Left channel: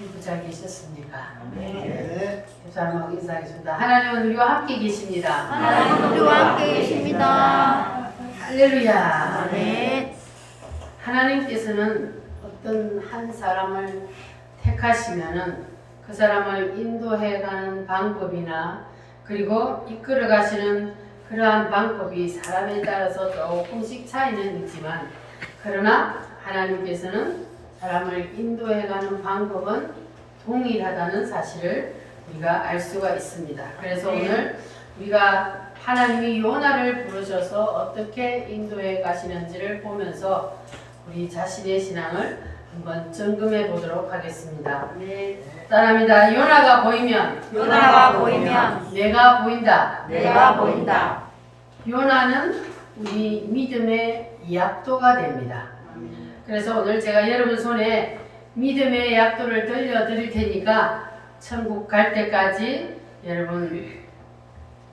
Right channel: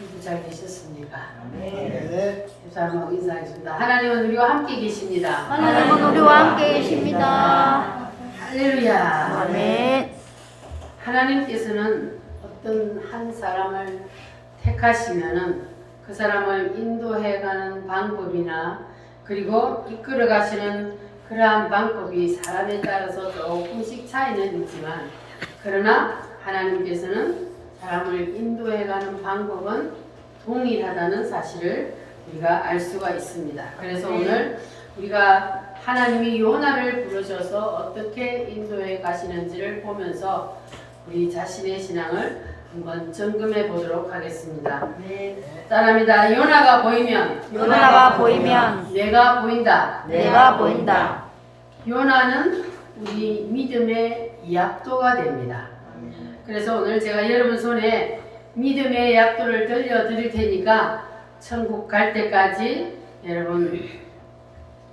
이부 잘 계셨습니까? 네. 집사람하고 인사하겠습니다. 하나님은 우리와 함께 계십니다. 하나님 우리와 함께 계십니다. 할렐루야. 네. 하나님께서는 어떤 한 사람을 택하시면은 그 사람을 인도해가는 방법이나 그리고 이끌어 가시는 그러한 방법이 사람에 따라서 조금씩 차이는 있지만, 그러나 하나님께서는 사람을 인도해가는 방법은 동일하다는 사실을 우리가 알 수가 있습니다. 그래서 오늘 우리가 하나님이 요나를 부르셔서 어떻게 인도해 가시는지를 보면서 우리 자신의 신앙을 한번 점검해 보도록 하겠습니다. 따라합니다. 요나가 보이면 내가 보인다. 내가 보인다. 요나는 우리 믿음의 약도가 됩니다. 그래서 오늘 제가 여러분 손에 믿음의 약도를 들려드릴 테니까 천국 갈 때까지 여러분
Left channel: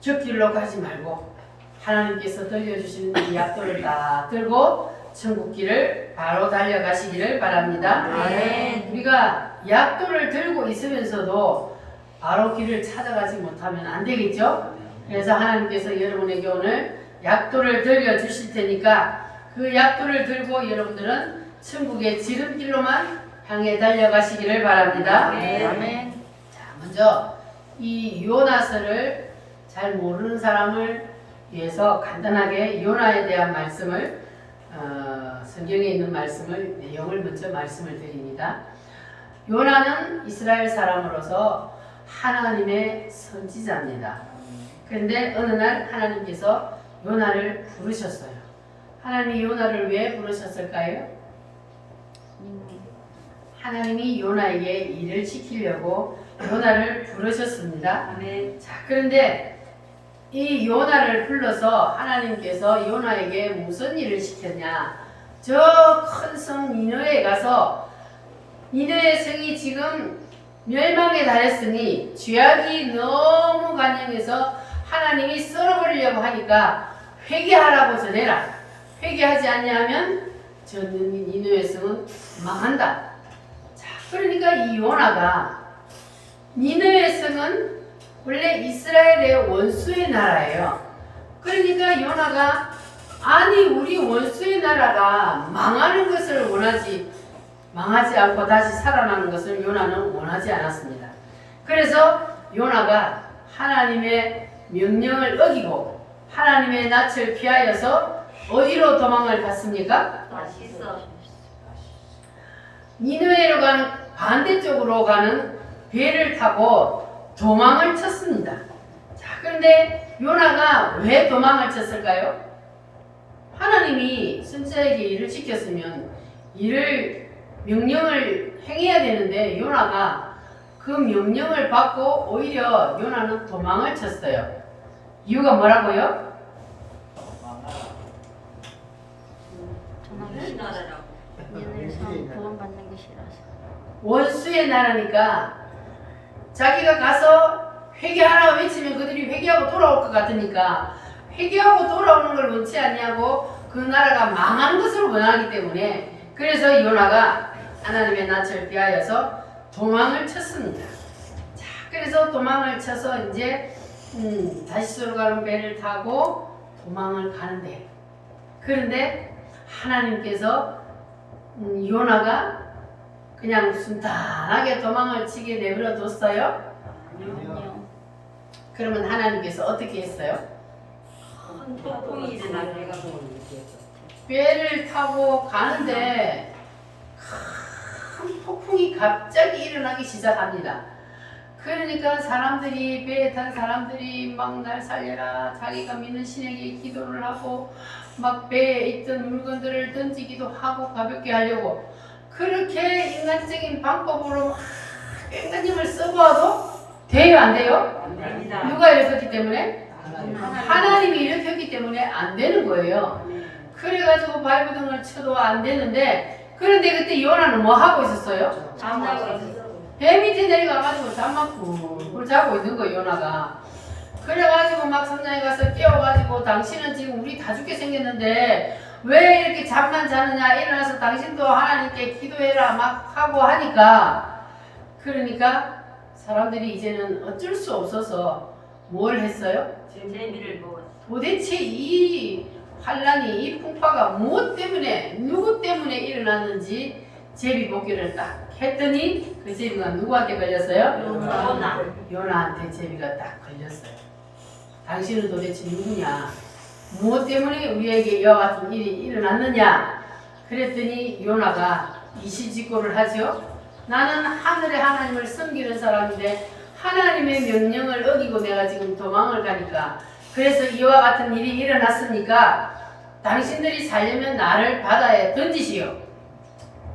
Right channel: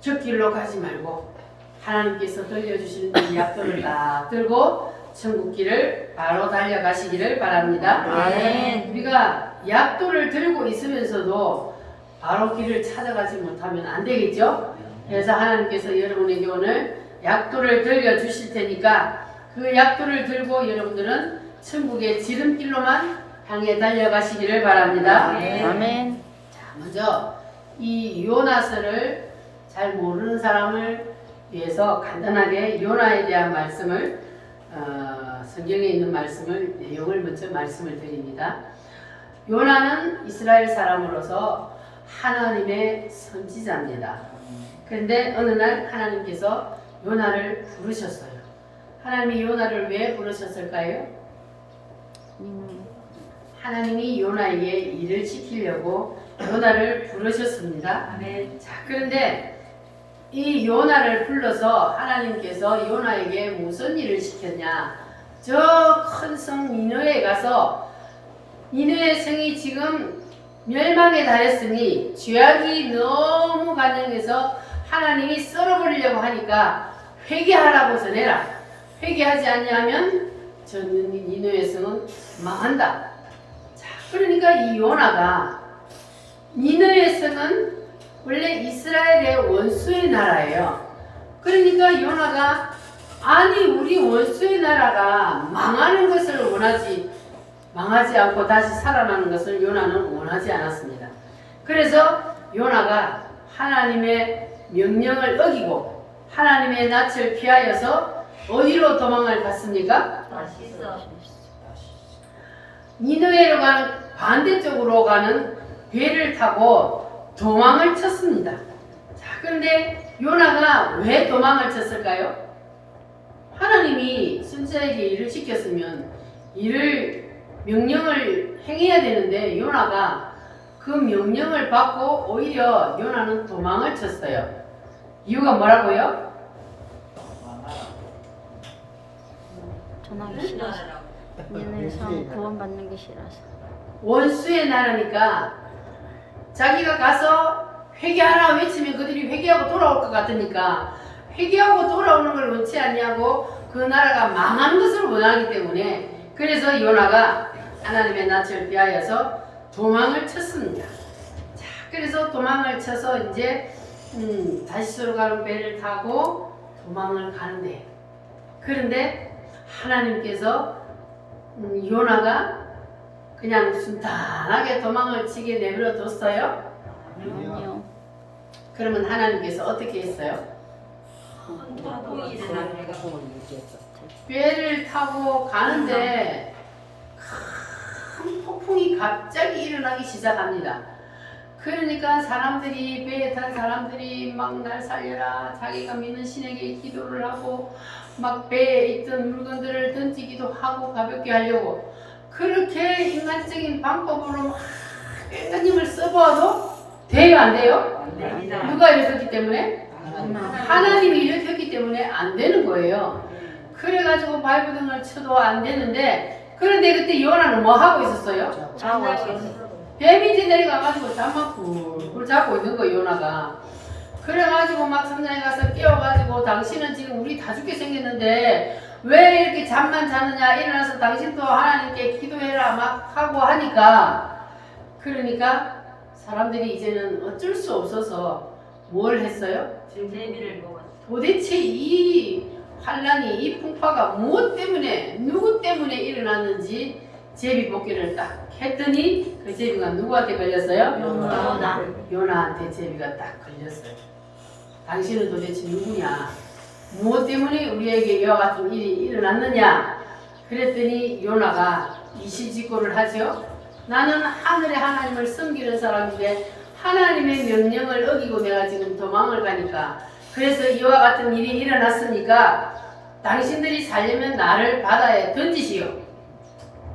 곁길로 가지 말고 하나님께서 들려주시는 이 약도를 딱 들고 천국길을 바로 달려가시기를 바랍니다. 네. 우리가 약도를 들고 있으면서도 바로 길을 찾아가지 못하면 안 되겠죠? 그래서 하나님께서 여러분에게 오늘 약도를 들려주실 테니까 그 약도를 들고 여러분들은 천국의 지름길로만 향해 달려가시기를 바랍니다. 아멘. 자, 먼저 이 요나서를 잘 모르는 사람을 위해서 간단하게 요나에 대한 말씀을 성경에 있는 말씀을 내용을 먼저 말씀을 드립니다. 요나는 이스라엘 사람으로서 하나님의 선지자입니다. 그런데 어느 날 하나님께서 요나를 부르셨어요. 하나님이 요나를 왜 부르셨을까요? 하나님이 요나에게 일을 시키려고 요나를 부르셨습니다. 자, 그런데 이 요나를 불러서 하나님께서 요나에게 무슨 일을 시켰냐? 저 큰 성 니느웨에 가서 니느웨 성이 지금 멸망에 달했으니 죄악이 너무 간영해서 하나님이 썰어버리려고 하니까 회개하라고 전해라. 회개하지 않냐면 저 니느웨 성은 망한다. 자, 그러니까 이 요나가 니느웨 성은 원래 이스라엘의 원수의 나라예요. 그러니까 요나가 아니 우리 원수의 나라가 망하는 것을 망하지 않고 다시 살아나는 것을 요나는 원하지 않았습니다. 그래서 요나가 하나님의 명령을 어기고 하나님의 낯을 피하여서 어디로 도망을 갔습니까? 니느웨로 가는 반대쪽으로 가는 배를 타고 도망을 쳤습니다. 자, 그런데 요나가 왜 도망을 쳤을까요? 하나님이 선지자에게 일을 시켰으면 명령을 행해야 되는데 요나가 그 명령을 받고 오히려 요나는 도망을 쳤어요. 이유가 뭐라고요? 얘는 구원받는 게 싫어서. 원수의 나라니까 자기가 가서 회개하라 외치면 그들이 회개하고 돌아올 것 같으니까 회개하고 돌아오는 걸 원치 않냐고 그 나라가 망하는 것을 원하기 때문에 그래서 요나가 하나님의 낯을 피하여서 도망을 쳤습니다. 자, 그래서 도망을 쳐서 이제 다시스로 가는 배를 타고 도망을 가는데 그런데 하나님께서 요나가 그냥 순탄하게 도망을 치게 내버려 뒀어요? 아니요. 그러면 하나님께서 어떻게 했어요? 배를 타고 가는데 큰 폭풍이 갑자기 일어나기 시작합니다. 그러니까 사람들이 배에 탄 사람들이 막 날 살려라 자기가 믿는 신에게 기도를 하고 막 배에 있던 물건들을 던지기도 하고 가볍게 하려고 그렇게 인간적인 방법으로 막 뺑가짐을 써봐도 돼요 안 돼요? 누가 일으켰기 때문에? 하나님이 일으켰기 때문에 안 되는 거예요. 그래가지고 발버둥을 쳐도 안 되는데 그런데 그때 요나는 뭐 하고 있었어요? 배 밑에 내려가가지고 잠만 굴굴 자고 있는 거예요 요나가. 그래가지고 막 선장에 가서 깨워가지고 당신은 지금 우리 다 죽게 생겼는데 왜 이렇게 잠만 자느냐 일어나서 당신도 하나님께 기도해라 막 하고 하니까 그러니까 사람들이 이제는 어쩔 수 없어서 뭘 했어요? 제비를 먹었어. 도대체 이 환란이 이 풍파가 무엇 때문에 누구 때문에 일어났는지 제비뽑기를 딱 했더니 그 제비가 누구한테 걸렸어요? 요나. 요나한테 제비가 딱 걸렸어요. 당신은 도대체 누구냐? 무엇 때문에 우리에게 이와 같은 일이 일어났느냐? 그랬더니 요나가 이시직고를 하죠. 나는 하늘의 하나님을 섬기는 사람인데 하나님의 명령을 어기고 내가 지금 도망을 가니까 그래서 이와 같은 일이 일어났으니까 당신들이 살려면 나를 바다에 던지시오.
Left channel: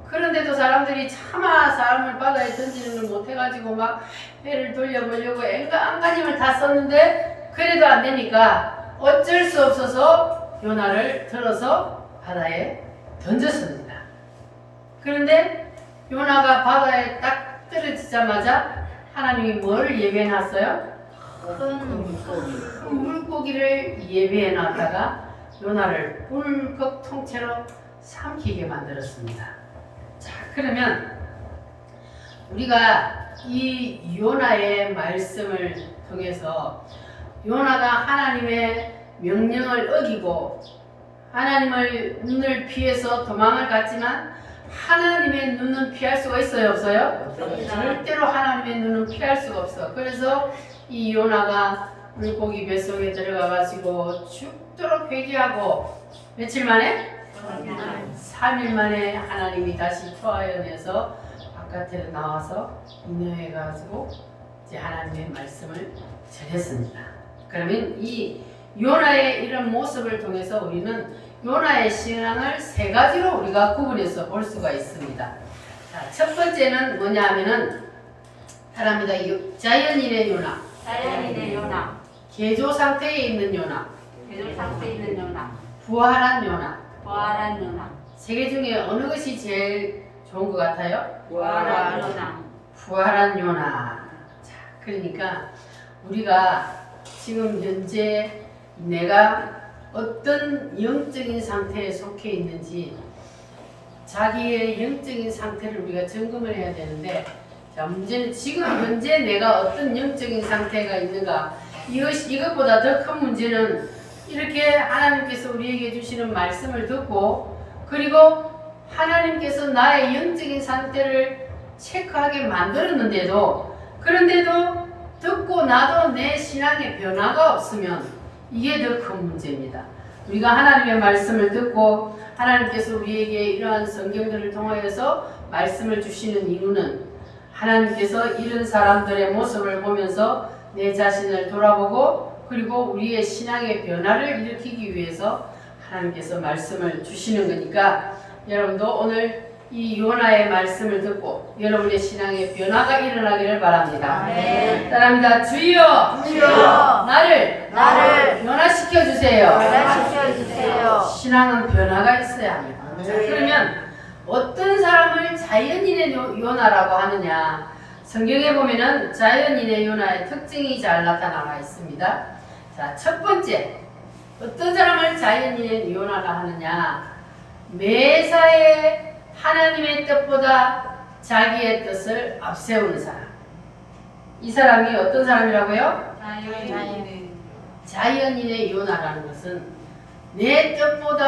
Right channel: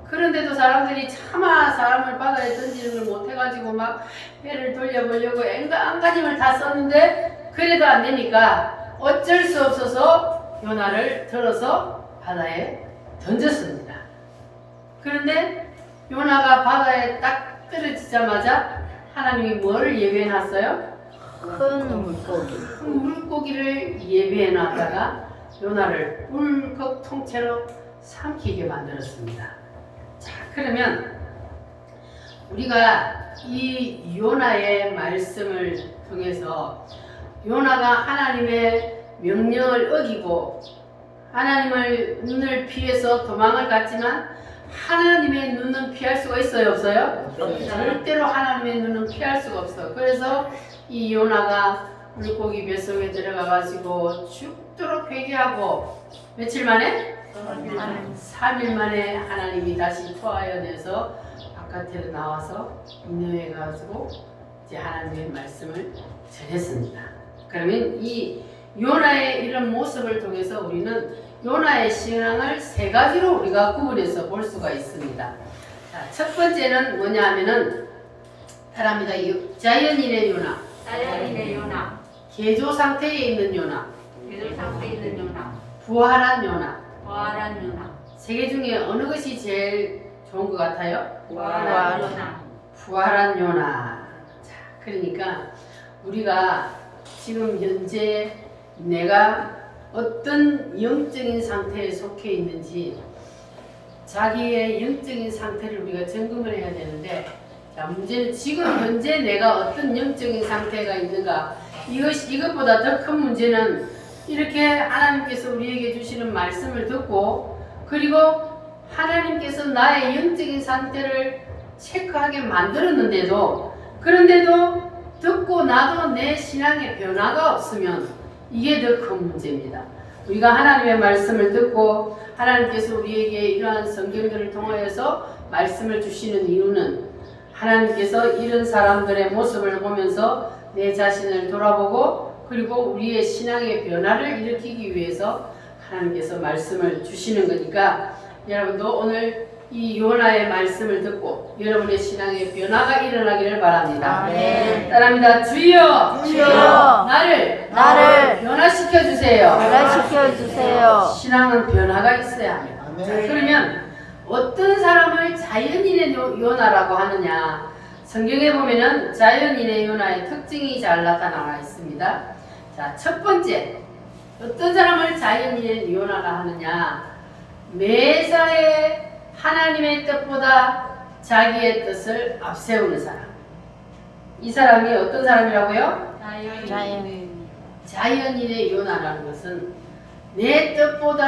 그런데도 사람들이 차마 사람을 바다에 던지는 걸 못해가지고 막 배를 돌려보려고 안간힘을 다 썼는데 그래도 안 되니까 어쩔 수 없어서 요나를 들어서 바다에 던졌습니다. 그런데 요나가 바다에 딱 떨어지자마자 하나님이 뭘 예배해놨어요? 큰 물고기. 물고기를 예배해놨다가 요나를 울컥 통째로 삼키게 만들었습니다. 자, 그러면 우리가 이 요나의 말씀을 통해서 요나가 하나님의 명령을 어기고 하나님을 눈을 피해서 도망을 갔지만 하나님의 눈은 피할 수가 있어요, 없어요? 절대로 하나님의 눈은 피할 수가 없어. 그래서 이 요나가 물고기 뱃속에 들어가가지고 죽도록 회개하고 며칠 만에? 3일 만에 하나님이 다시 토하여내서 바깥으로 나와서 인도해 가지고 이제 하나님의 말씀을 전했습니다. 그러면 이 요나의 이런 모습을 통해서 우리는 요나의 신앙을 세 가지로 우리가 구분해서 볼 수가 있습니다. 자, 첫 번째는 뭐냐 하면은 사람이다 자연인의 요나, 자연인의 요나, 개조 상태에 있는 요나, 계절 상태에 있는 요나, 부활한 요나. 부활한 요나, 세 개 중에 어느 것이 제일 좋은 것 같아요? 부활한 요나. 부활한 요나. 자, 그러니까 우리가 지금 현재 내가 어떤 영적인 상태에 속해 있는지 자기의 영적인 상태를 우리가 점검을 해야 되는데, 자, 문제는 지금 현재 내가 어떤 영적인 상태가 있는가. 이것보다 더 큰 문제는 이렇게 하나님께서 우리에게 주시는 말씀을 듣고 그리고 하나님께서 나의 영적인 상태를 체크하게 만들었는데도 그런데도 듣고 나도 내 신앙에 변화가 없으면 이게 더 큰 문제입니다. 우리가 하나님의 말씀을 듣고 하나님께서 우리에게 이러한 성경들을 통하여서 말씀을 주시는 이유는 하나님께서 이런 사람들의 모습을 보면서 내 자신을 돌아보고 그리고 우리의 신앙의 변화를 일으키기 위해서 하나님께서 말씀을 주시는 거니까 여러분도 오늘 이 요나의 말씀을 듣고 여러분의 신앙의 변화가 일어나기를 바랍니다. 아멘. 따라합니다. 주여, 주여, 나를 변화시켜 주세요. 변화시켜 주세요. 신앙은 변화가 있어야 합니다. 자, 아멘. 그러면 어떤 사람을 자연인의 요나라고 하느냐? 성경에 보면은 자연인의 요나의 특징이 잘 나타나가 있습니다. 자, 첫 번째, 어떤 사람을 자연인의 요나라 하느냐? 매사에 하나님의 뜻보다 자기의 뜻을 앞세우는 사람. 이 사람이 어떤 사람이라고요? 자연인. 자연인의 요나라는 것은 내 뜻보다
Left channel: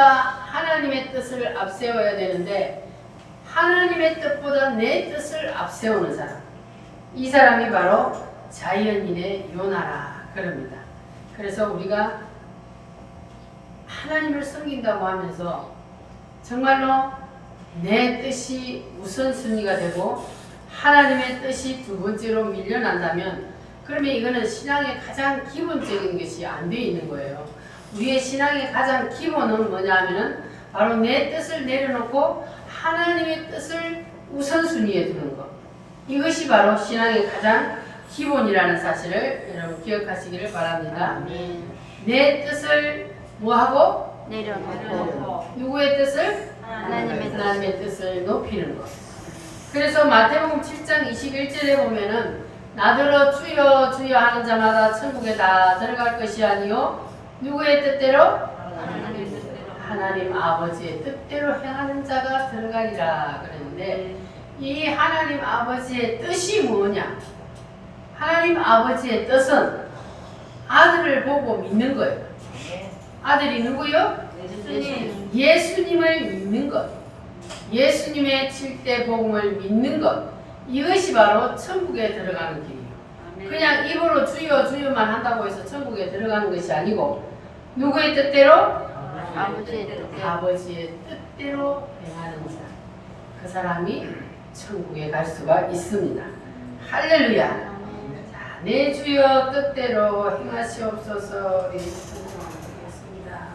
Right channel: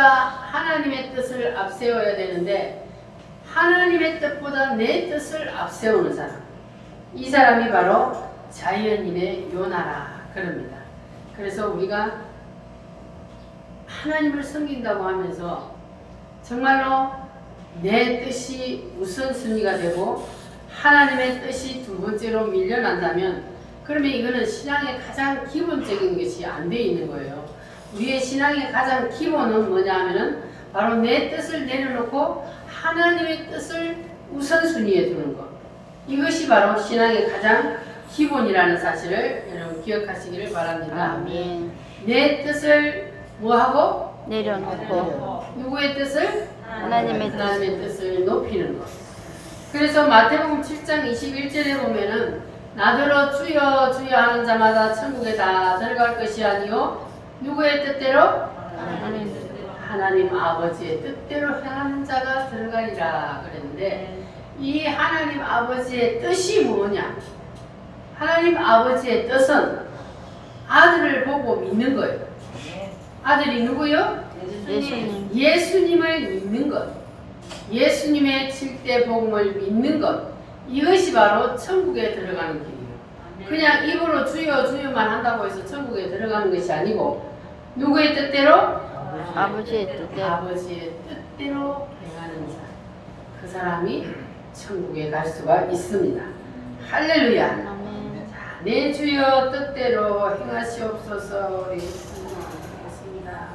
하나님의 뜻을 앞세워야 되는데 하나님의 뜻보다 내 뜻을 앞세우는 사람. 이 사람이 바로 자연인의 요나라 그럽니다. 그래서 우리가 하나님을 섬긴다고 하면서 정말로 내 뜻이 우선순위가 되고 하나님의 뜻이 두 번째로 밀려난다면 그러면 이거는 신앙의 가장 기본적인 것이 안 돼 있는 거예요. 우리의 신앙의 가장 기본은 뭐냐 하면은 바로 내 뜻을 내려놓고 하나님의 뜻을 우선순위에 두는 것. 이것이 바로 신앙의 가장 기본이라는 사실을 여러분 기억하시기를 바랍니다. 아멘. 내 뜻을 뭐하고? 내려놓고 누구의 뜻을? 하나님의 하나님의 뜻을 높이는 것. 그래서 마태복음 7장 21절에 보면은 나더러 주여 주여 하는 자마다 천국에 다 들어갈 것이 아니요 누구의 뜻대로? 하나님 뜻대로. 하나님 아버지의 뜻대로 행하는 자가 들어가리라 그랬는데 이 하나님 아버지의 뜻이 뭐냐? 하나님 아버지의 뜻은 아들을 보고 믿는 거예요. 아들이 누구요? 예수님. 예수님을 믿는 것. 예수님의 7대 복음을 믿는 것. 이것이 바로 천국에 들어가는 길이에요. 그냥 입으로 주여 주여만 한다고 해서 천국에 들어가는 것이 아니고 누구의 뜻대로? 아버지의 뜻대로. 아버지의 뜻대로 행하는 자. 그 사람이 천국에 갈 수가 있습니다. 할렐루야. 자, 내 주여 뜻대로 행하시옵소서. 기도하겠습니다.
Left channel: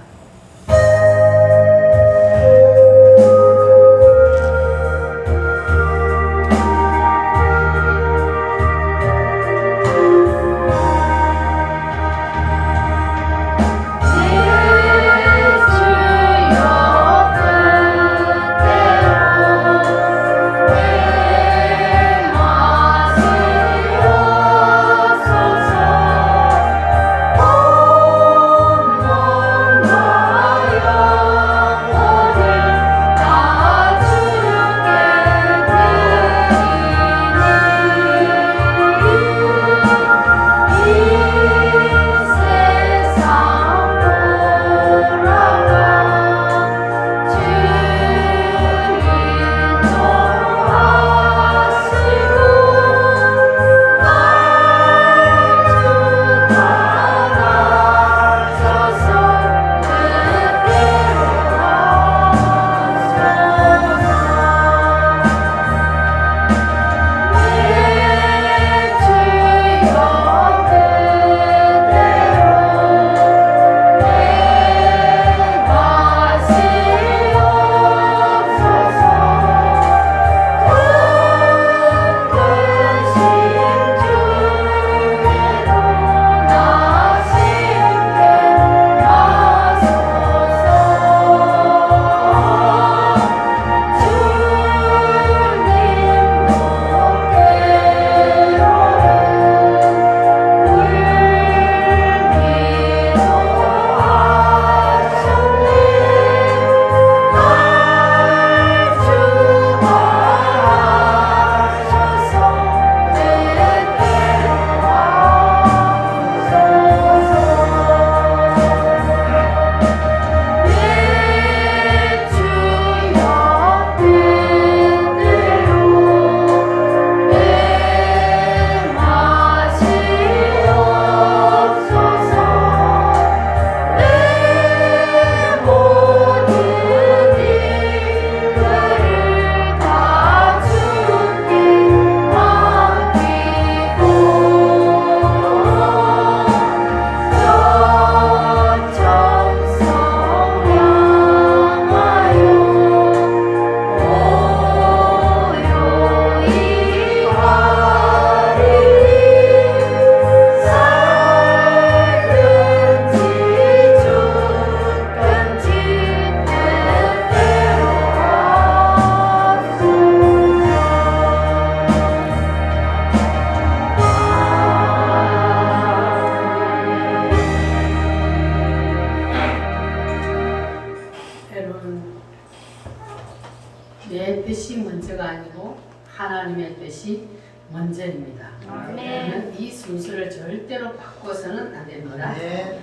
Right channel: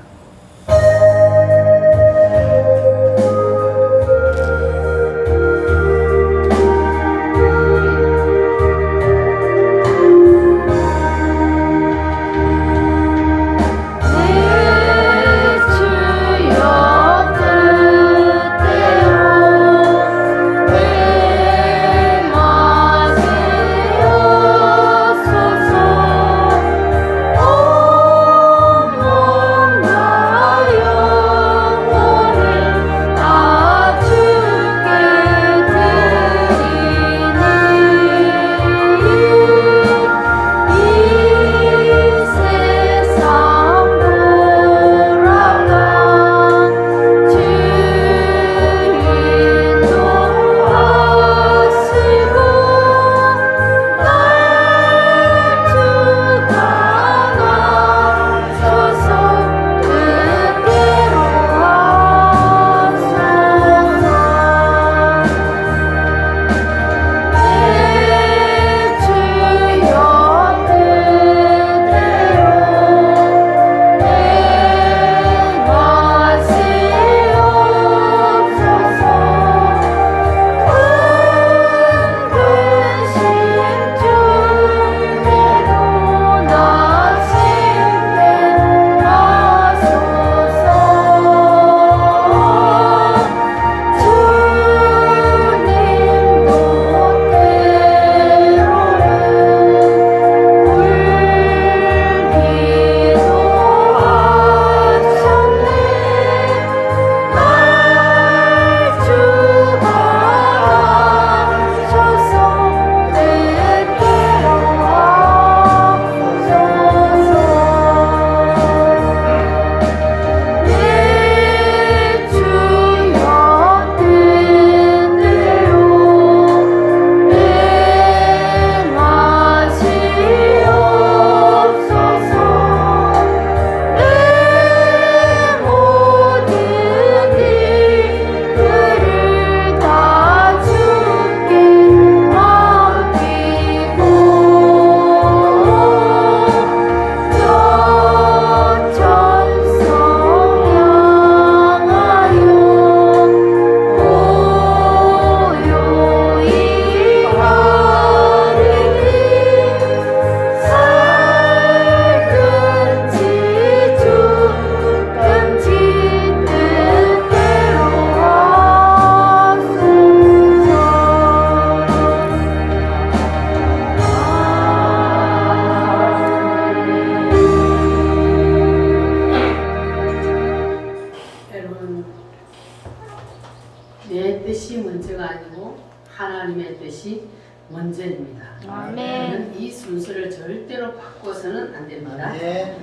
내 뜻이 먼저가 아니고 하나님의 뜻이 먼저입니다. 아멘. 이 순서를 절대로 바꿔서는 안 됩니다. 네.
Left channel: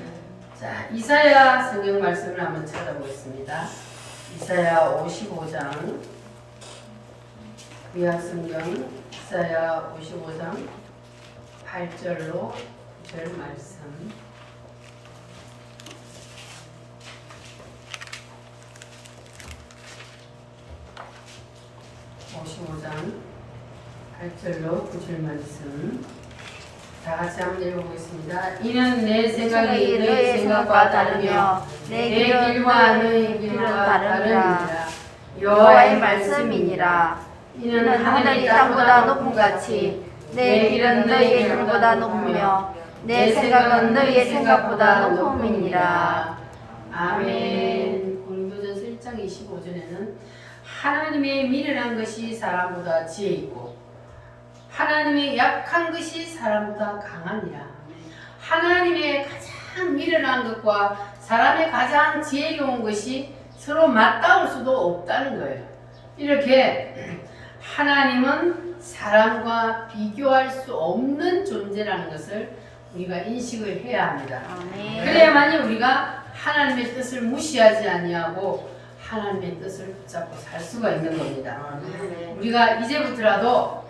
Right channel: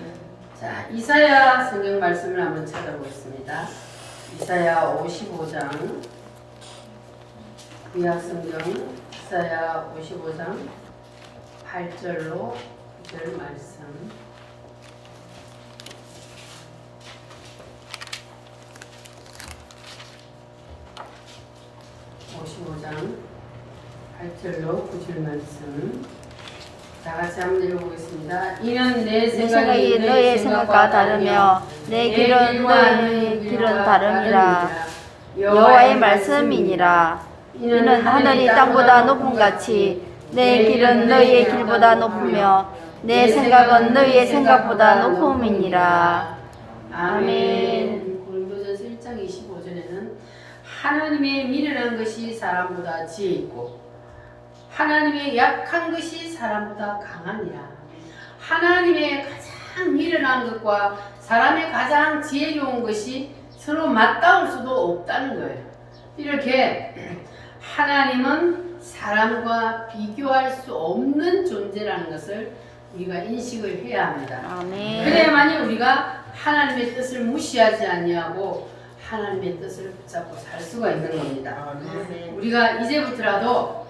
자, 이사야 성경 말씀을 한번 찾아보겠습니다. 이사야 55장 구약 성경 이사야 55장 8절로 9절 말씀. (55장 8절로 9절) 말씀 다 같이 한번 읽어보겠습니다. 이는 내 생각이 너의 생각과 다르며 내 길과 너의 길은 다름이라. 여호와의 말씀이니라. 이는 하늘이 땅보다 높음 같이 내 길은 너희의 길보다 높으며 내 생각은 너희의 생각보다 높음이니라. 아멘. 고린도전서 1장 25절에는 하나님의 미련한 것이 사람보다 지혜 있고 하나님의 약한 것이 사람보다 강하니라. 하나님의 가장 미련한 것과 사람의 가장 지혜로운 것이 서로 맞닿을 수도 없다는 거예요. 이렇게 하나님은 사람과 비교할 수 없는 존재라는 것을 우리가 인식을 해야 합니다. 아멘. 그래야만이 우리가 하나님의 뜻을 무시하지 아니하고 하나님의 뜻을 붙잡고 살 수가 있는 겁니다. 우리가 이제부터라도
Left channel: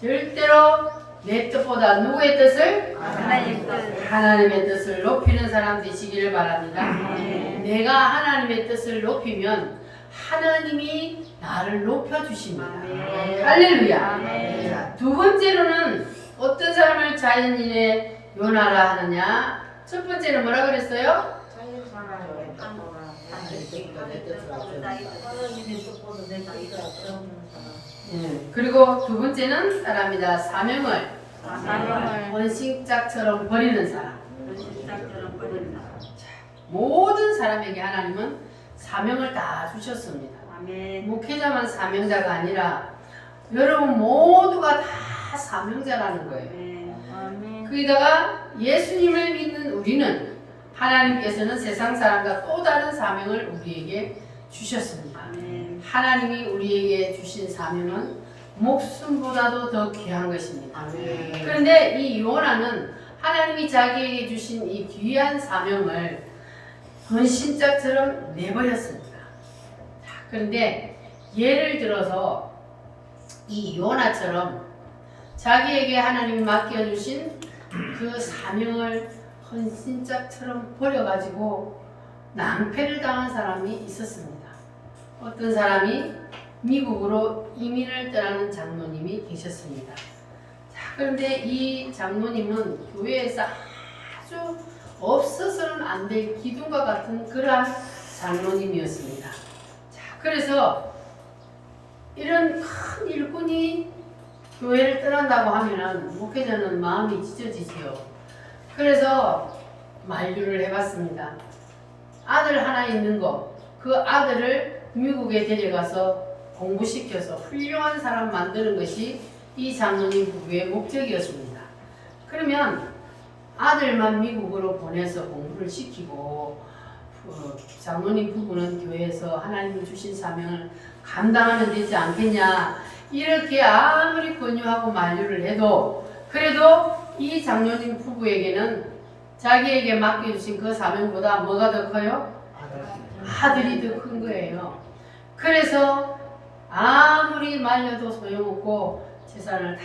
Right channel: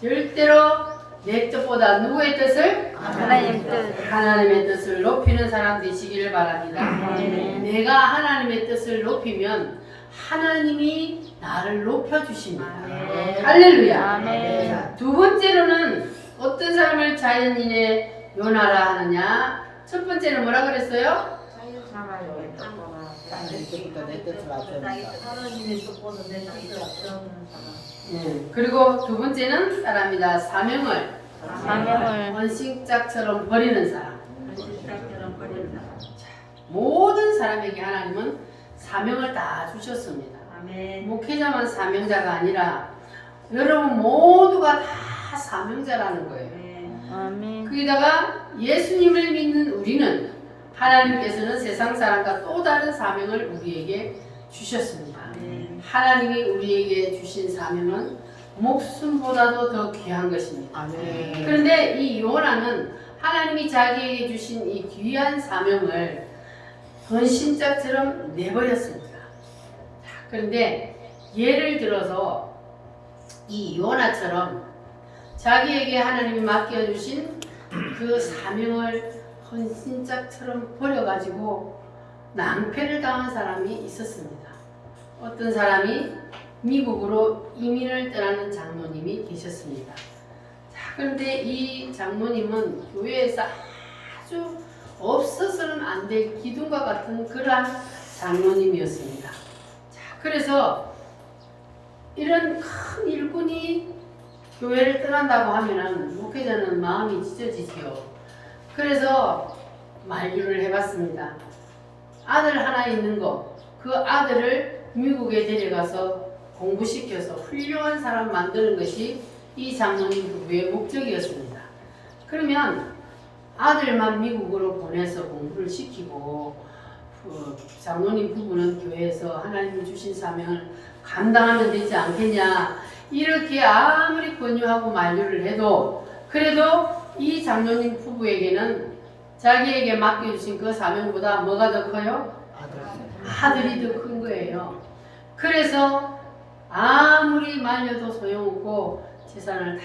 절대로 내 뜻보다 누구의 뜻을? 하나님 뜻. 하나님의 뜻을 높이는 사람 되시기를 바랍니다. 아멘. 내가 하나님의 뜻을 높이면 하나님이 나를 높여주십니다. 아멘. 할렐루야. 아멘. 자, 두 번째로는 어떤 사람을 자연인의 요나라 하느냐? 첫 번째는 뭐라 그랬어요? 하나님의 뜻보다 내 뜻을 앞세우는 사람. 예. 그리고 두 번째는 사람이다. 사명을 사명을 원식작처럼 버리는 사람. 원시작처럼 버리는 사람. 모든 사람에게 하나님은 사명을 다 주셨습니다. 아멘. 목회자만 사명자가 아니라 여러분 모두가 다 사명자라는 거예요. 아멘. 아멘. 거기다가 예수님을 믿는 우리는 하나님께서는 세상 사람과 또 다른 사명을 우리에게 주셨습니다. 아멘. 하나님이 우리에게 주신 사명은 목숨보다도 더 귀한 것입니다. 그런데 이 요나는 하나님이 자기에게 주신 이 귀한 사명을 헌신짝처럼 내버렸습니다. 자, 그런데 예를 들어서 이 요나처럼 자기에게 하나님이 맡겨주신 그 사명을 헌신짝처럼 버려가지고 낭패를 당한 사람이 있었습니다. 어떤 사람이 미국으로 이민을 떠나는 장로님이 계셨습니다. 자, 그런데 이 장로님은 교회에서 아주 없어서는 안 될 기둥과 같은 그러한 장로님이었습니다. 자, 그래서 이런 큰 일꾼이 교회를 떠난다고 하면은 목회자는 마음이 찢어지지요. 그래서 만류를 해봤습니다. 아들 하나 있는 거, 그 아들을 미국에 데려가서 공부시켜서 훌륭한 사람 만드는 것이 이 장로님 부부의 목적이었습니다. 그러면 아들만 미국으로 보내서 공부를 시키고 장로님 부부는 교회에서 하나님이 주신 사명을 감당하면 되지 않겠냐, 이렇게 아무리 권유하고 만류를 해도 그래도 이 장로님 부부에게는 자기에게 맡겨주신 그 사명보다 뭐가 더 커요? 아들이 더 큰 거예요. 그래서 아무리 말려도 소용없고 재산을 다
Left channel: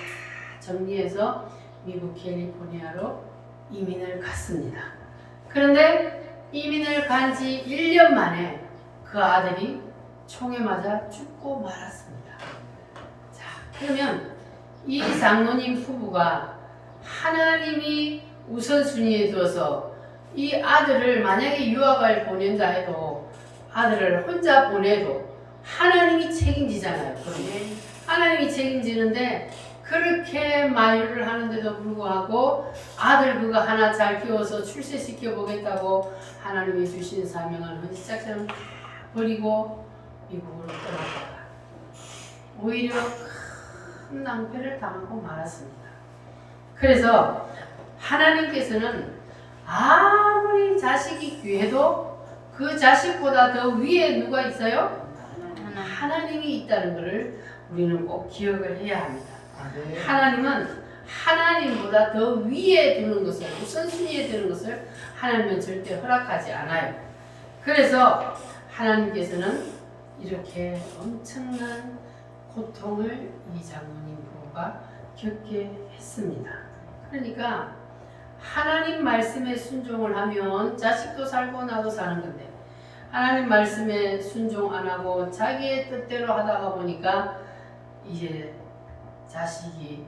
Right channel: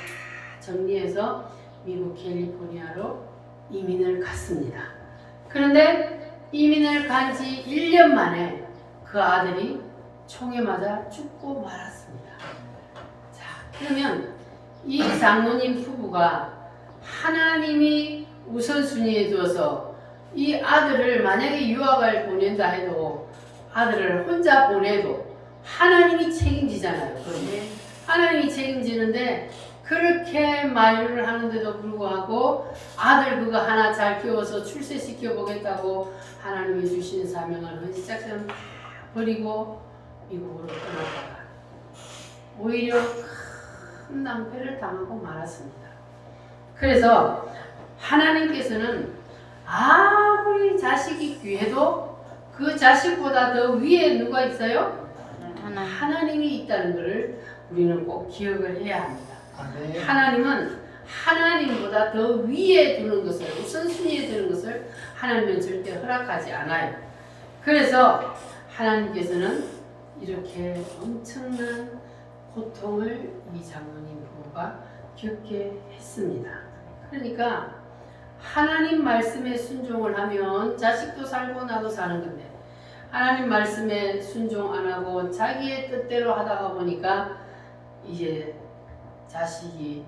정리해서 미국 캘리포니아로 이민을 갔습니다. 그런데 이민을 간 지 1년 만에 그 아들이 총에 맞아 죽고 말았습니다. 자, 그러면 이 장로님 부부가 하나님이 우선순위에 두어서 이 아들을 만약에 유학을 보낸다 해도 아들을 혼자 보내도 하나님이 책임지잖아요. 그러면 하나님이 책임지는데 그렇게 만류를 하는데도 불구하고 아들 그거 하나 잘 키워서 출세시켜 보겠다고 하나님이 주신 사명을 헌시작처럼 다 버리고 미국으로 떠났다가 오히려 큰 낭패를 당하고 말았습니다. 그래서 하나님께서는 아무리 자식이 귀해도 그 자식보다 더 위에 누가 있어요? 하나님이 있다는 것을 우리는 꼭 기억을 해야 합니다. 하나님은 하나님보다 더 위에 두는 것을, 우선순위에 두는 것을 하나님은 절대 허락하지 않아요. 그래서 하나님께서는 이렇게 엄청난 고통을 이 장로님 부부가 겪게 했습니다. 그러니까 하나님 말씀에 순종을 하면 자식도 살고 나도 사는 건데 하나님 말씀에 순종 안 하고 자기의 뜻대로 하다가 보니까 이제 자식이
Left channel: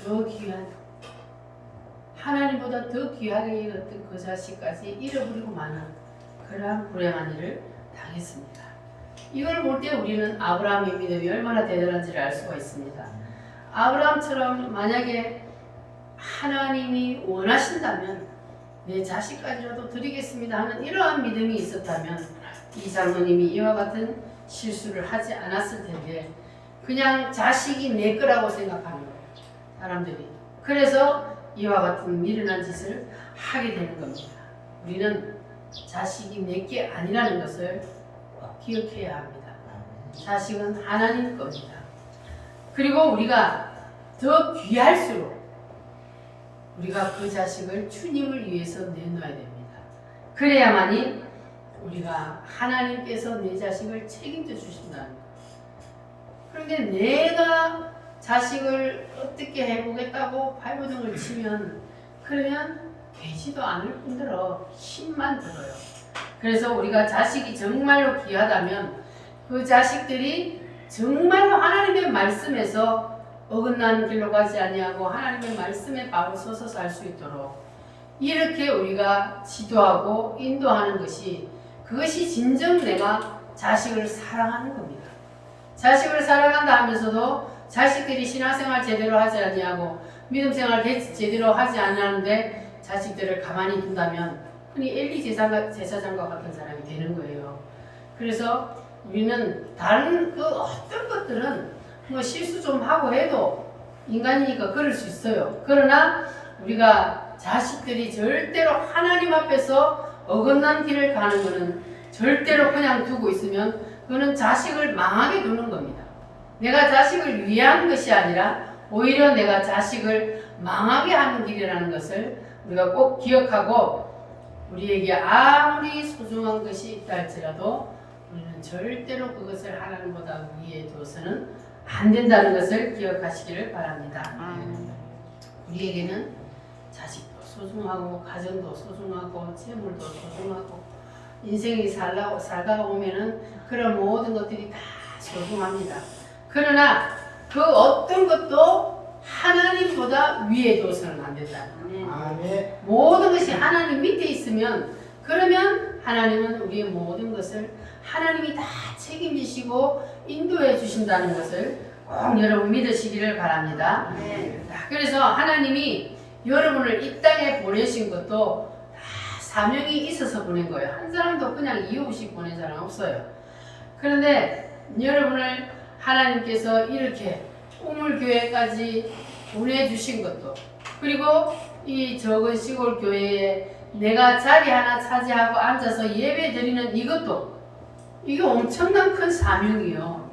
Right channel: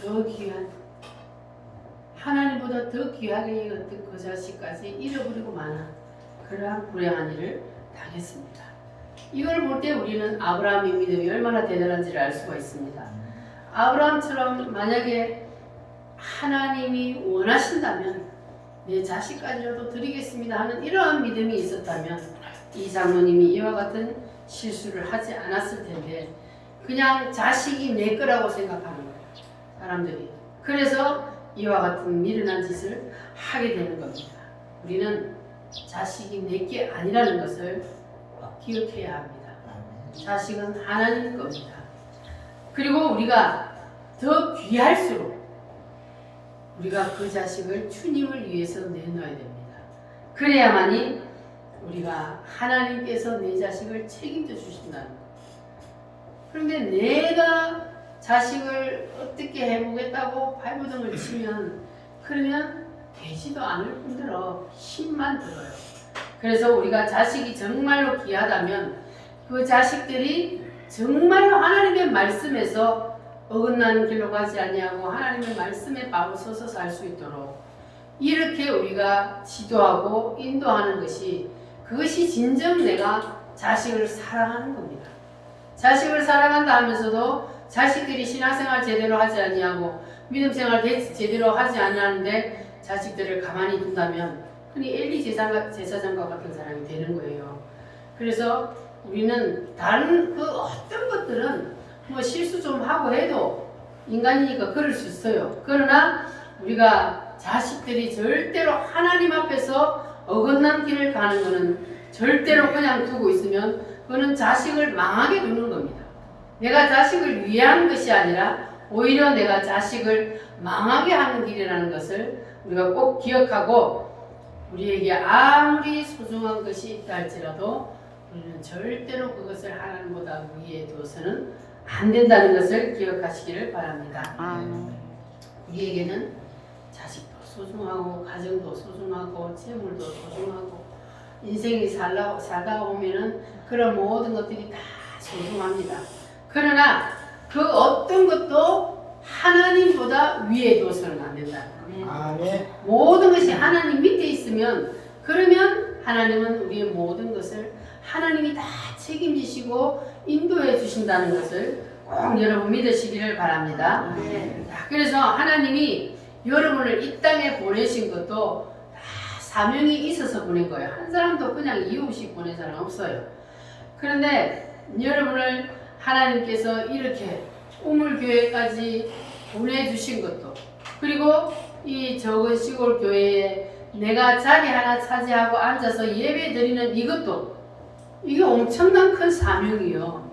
더 귀한, 하나님보다 더 귀하게 여겼던 그 자식까지 잃어버리고 마는 그러한 불행한 일을 당했습니다. 이걸 볼 때 우리는 아브라함의 믿음이 얼마나 대단한지를 알 수가 있습니다. 아브라함처럼 만약에 하나님이 원하신다면 내 자식까지라도 드리겠습니다 하는 이러한 믿음이 있었다면 이 장로님이 이와 같은 실수를 하지 않았을 텐데 그냥 자식이 내 거라고 생각하는 거예요, 사람들이. 그래서 이와 같은 미련한 짓을 하게 되는 겁니다. 우리는 자식이 내 게 아니라는 것을 기억해야 합니다. 자식은 하나님 겁니다. 그리고 우리가 더 귀할수록 우리가 그 자식을 주님을 위해서 내놓아야 됩니다. 그래야만이 우리가 하나님께서 내 자식을 책임져 주신다는 거예요. 그런데 내가 자식을 어떻게 해보겠다고 발버둥을 치면 그러면 되지도 않을 뿐더러 힘만 들어요. 그래서 우리가 자식이 정말로 귀하다면 그 자식들이 정말로 하나님의 말씀에서 어긋나는 길로 가지 아니하고 하나님의 말씀에 바로 서서 살 수 있도록 이렇게 우리가 지도하고 인도하는 것이 그것이 진정 내가 자식을 사랑하는 겁니다. 자식을 사랑한다 하면서도 자식들이 신앙생활 제대로 하지 아니하고 믿음생활 제대로 하지 않았는데 자식들을 가만히 둔다면 흔히 엘리 제사장과 같은 사람이 되는 거예요. 그래서 우리는 다른 그 어떤 것들은 뭐 실수 좀 하고 해도 인간이니까 그럴 수 있어요. 그러나 우리가 자식들이 절대로 하나님 앞에서 어긋난 길을 가는 것은 절대로 그냥 두고 있으면 그거는 자식을 망하게 두는 겁니다. 내가 자식을 위한 것이 아니라 오히려 내가 자식을 망하게 하는 길이라는 것을 우리가 꼭 기억하고 우리에게 아무리 소중한 것이 있다 할지라도 우리는 절대로 그것을 하나님보다 위에 둬서는 안 된다는 것을 기억하시기를 바랍니다. 우리에게는 자식도 소중하고 가정도 소중하고 재물도 소중하고 인생이 살다가 보면은 그런 모든 것들이 다 소중합니다. 그러나 그 어떤 것도 하나님보다 위에 둬서는 안 된다. 아멘. 모든 것이 하나님 밑에 있으면 그러면 하나님은 우리의 모든 것을 하나님이 다 책임지시고 인도해 주신다는 것을 꼭 여러분 믿으시기를 바랍니다. 그래서 하나님이 여러분을 이 땅에 보내신 것도 다 사명이 있어서 보낸 거예요. 한 사람도 그냥 이유 없이 보낸 사람 없어요. 그런데 여러분을 하나님께서 이렇게 우물교회까지 보내주신 것도 그리고 이 적은 시골 교회에 내가 자리 하나 차지하고 앉아서 예배 드리는 이것도 이게 엄청난 큰 사명이요.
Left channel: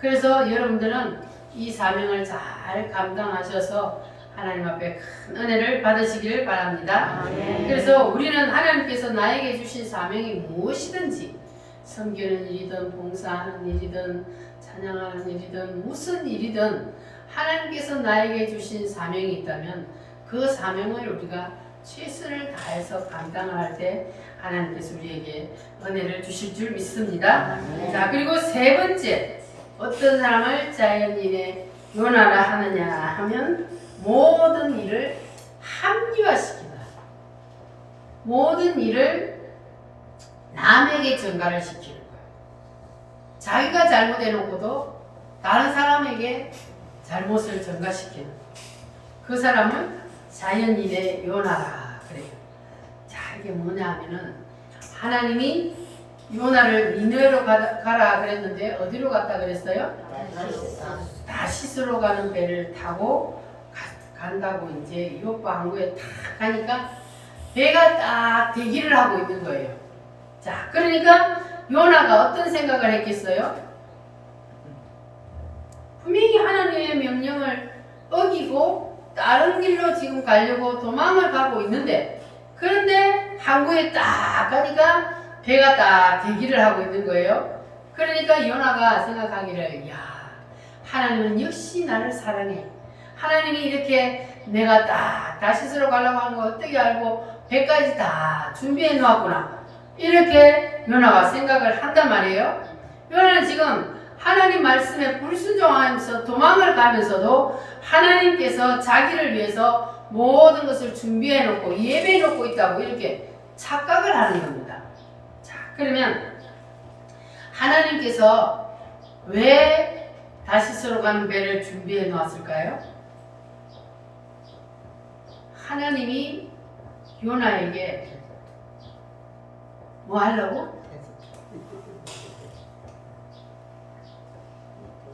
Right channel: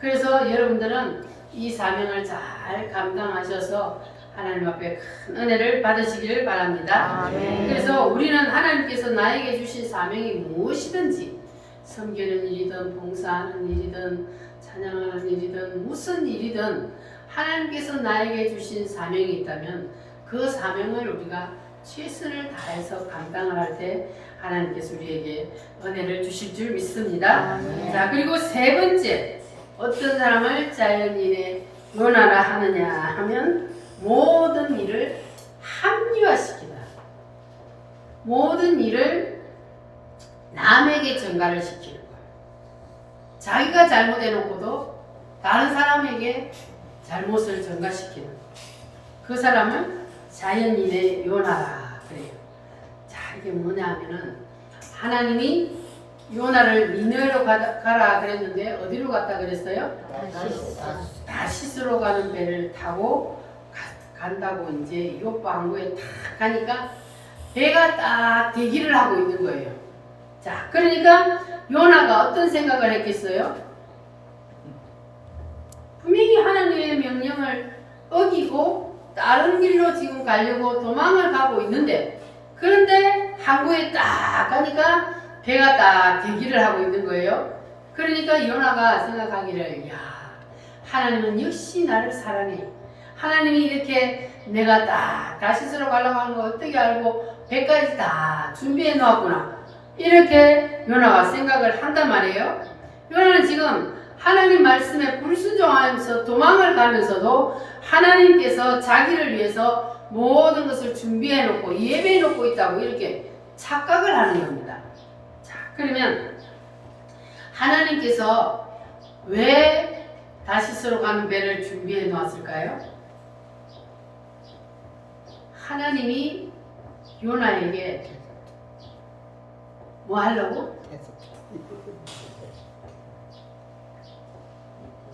그래서 여러분들은 이 사명을 잘 감당하셔서 하나님 앞에 큰 은혜를 받으시기를 바랍니다. 그래서 우리는 하나님께서 나에게 주신 사명이 무엇이든지 섬기는 일이든 봉사하는 일이든 찬양하는 일이든 무슨 일이든 하나님께서 나에게 주신 사명이 있다면 그 사명을 우리가 최선을 다해서 감당을 할 때 하나님께서 우리에게 은혜를 주실 줄 믿습니다. 자, 그리고 세 번째 어떤 사람을 자연인의 요나라 하느냐 하면 모든 일을 합리화시키다. 모든 일을 남에게 전가를 시키는 거예요. 자기가 잘못해놓고도 다른 사람에게 잘못을 전가시키는 그 사람을 자연인의 요나라 그래요. 자, 이게 뭐냐 하면은 하나님이 요나를 니느웨로 가라 그랬는데 어디로 갔다 그랬어요? 다시스로 가는 배를 타고 간다고 이제 요파 항구에 딱 가니까 배가 딱 대기를 하고 있는 거예요. 자, 그러니까 요나가 어떤 생각을 했겠어요? 분명히 하나님의 명령을 어기고 다른 길로 지금 가려고 도망을 가고 있는데 그런데 항구에 딱 가니까 배가 딱 대기를 하고 있는 거예요. 그러니까 요나가 생각하기를 야, 하나님은 역시 나를 사랑해. 하나님이 이렇게 내가 딱 다시스로 가려고 하는 거 어떻게 알고 배까지 다 준비해 놓았구나. 이렇게 요나가 생각을 한단 말이에요. 요나는 지금 하나님 말씀에 불순종하면서 도망을 가면서도 하나님께서 자기를 위해서 모든 것을 준비해 놓고 예배해 놓고 있다고 이렇게 착각을 하는 겁니다. 자, 그러면 하나님께서 왜 다시스로 가는 배를 준비해 놓았을까요? 하나님이 요나에게 뭐 하려고?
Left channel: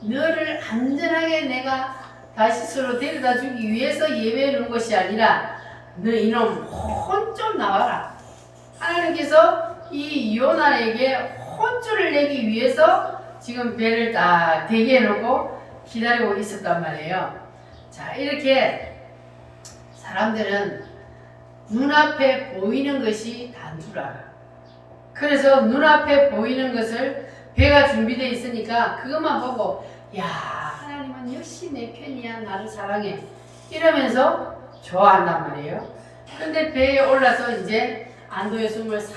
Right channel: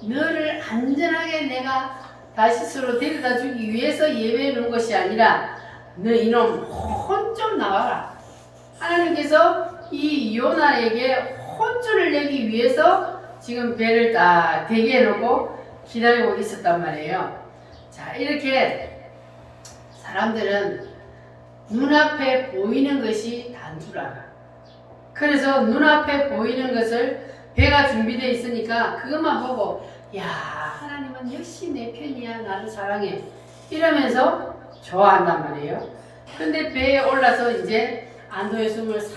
너를 안전하게 내가 다시스로 데려다 주기 위해서 예배해 놓은 것이 아니라 너 이놈 혼 좀 나와라. 하나님께서 이 요나에게 혼쭐을 내기 위해서 지금 배를 딱 대기해 놓고 기다리고 있었단 말이에요. 자, 이렇게 사람들은 눈앞에 보이는 것이 단 줄 알아. 그래서 눈앞에 보이는 것을 배가 준비되어 있으니까 그것만 보고 야, 하나님은 역시 내 편이야, 나를 사랑해 이러면서 좋아한단 말이에요. 근데 배에 올라서 이제 안도의 숨을 싹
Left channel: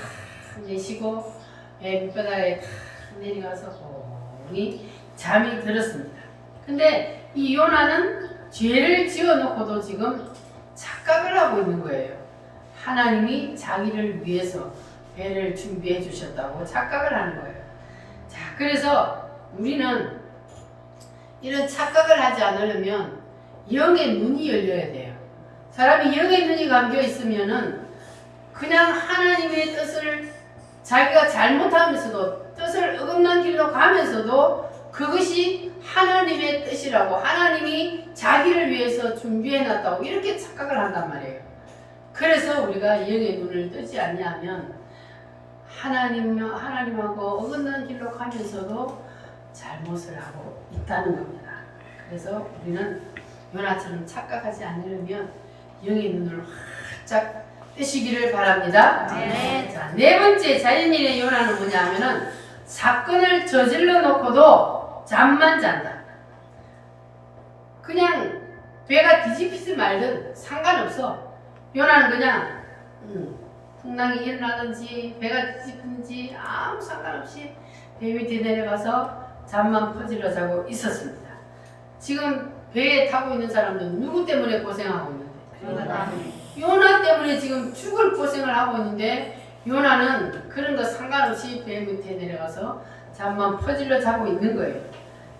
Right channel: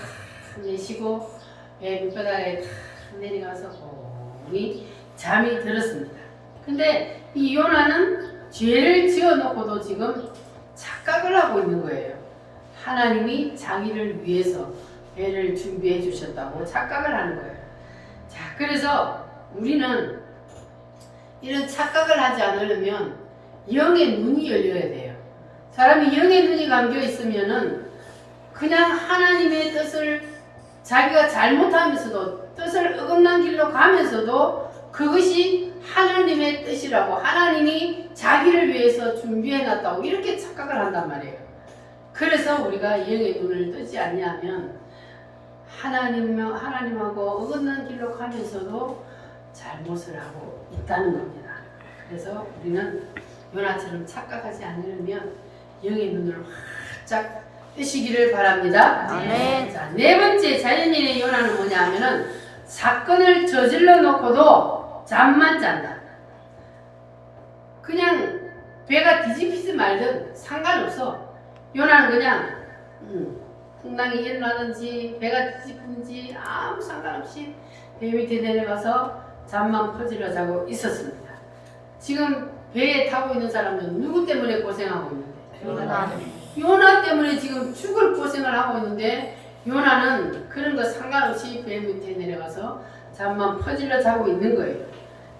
내쉬고 배 밑바닥에 탁 내려가서 고니 잠이 들었습니다. 근데 이 요나는 죄를 지어놓고도 지금 착각을 하고 있는 거예요. 하나님이 자기를 위해서 배를 준비해 주셨다고 착각을 하는 거예요. 자, 그래서 우리는 이런 착각을 하지 않으려면 영의 눈이 열려야 돼요. 사람이 영의 눈이 감겨 있으면은 그냥 하나님의 뜻을 자기가 잘못하면서도 뜻을 어긋난 길로 가면서도 그것이 하나님의 뜻이라고, 하나님이 자기를 위해서 준비해놨다고 이렇게 착각을 한단 말이에요. 그래서 우리가 영의 눈을 뜨지 않냐면 하나님하고 어긋난 길로 가면서도 잘못을 하고 있다는 겁니다. 그래서 우리는 요나처럼 착각하지 않으려면 영의 눈을 활짝 뜨시기를 바랍니다. 네. 자, 네 번째 자연인의 요나는 뭐냐 하면은 사건을 저질러 놓고도 잠만 잔다. 그냥 배가 뒤집히지 말든 상관없어. 요나는 그냥 풍랑이 일어나든지 배가 뒤집힌지 아무 상관없이 배 밑에 내려가서 잠만 퍼질러 자고 있었습니다. 지금 배에 타고 있는 사람들은 누구 때문에 고생하고 있는데? 요나 때문에 지금 죽을 고생을 하고 있는데 요나는 그런 거 상관없이 배 밑에 내려가서 잠만 퍼질러 자고 있는 거예요.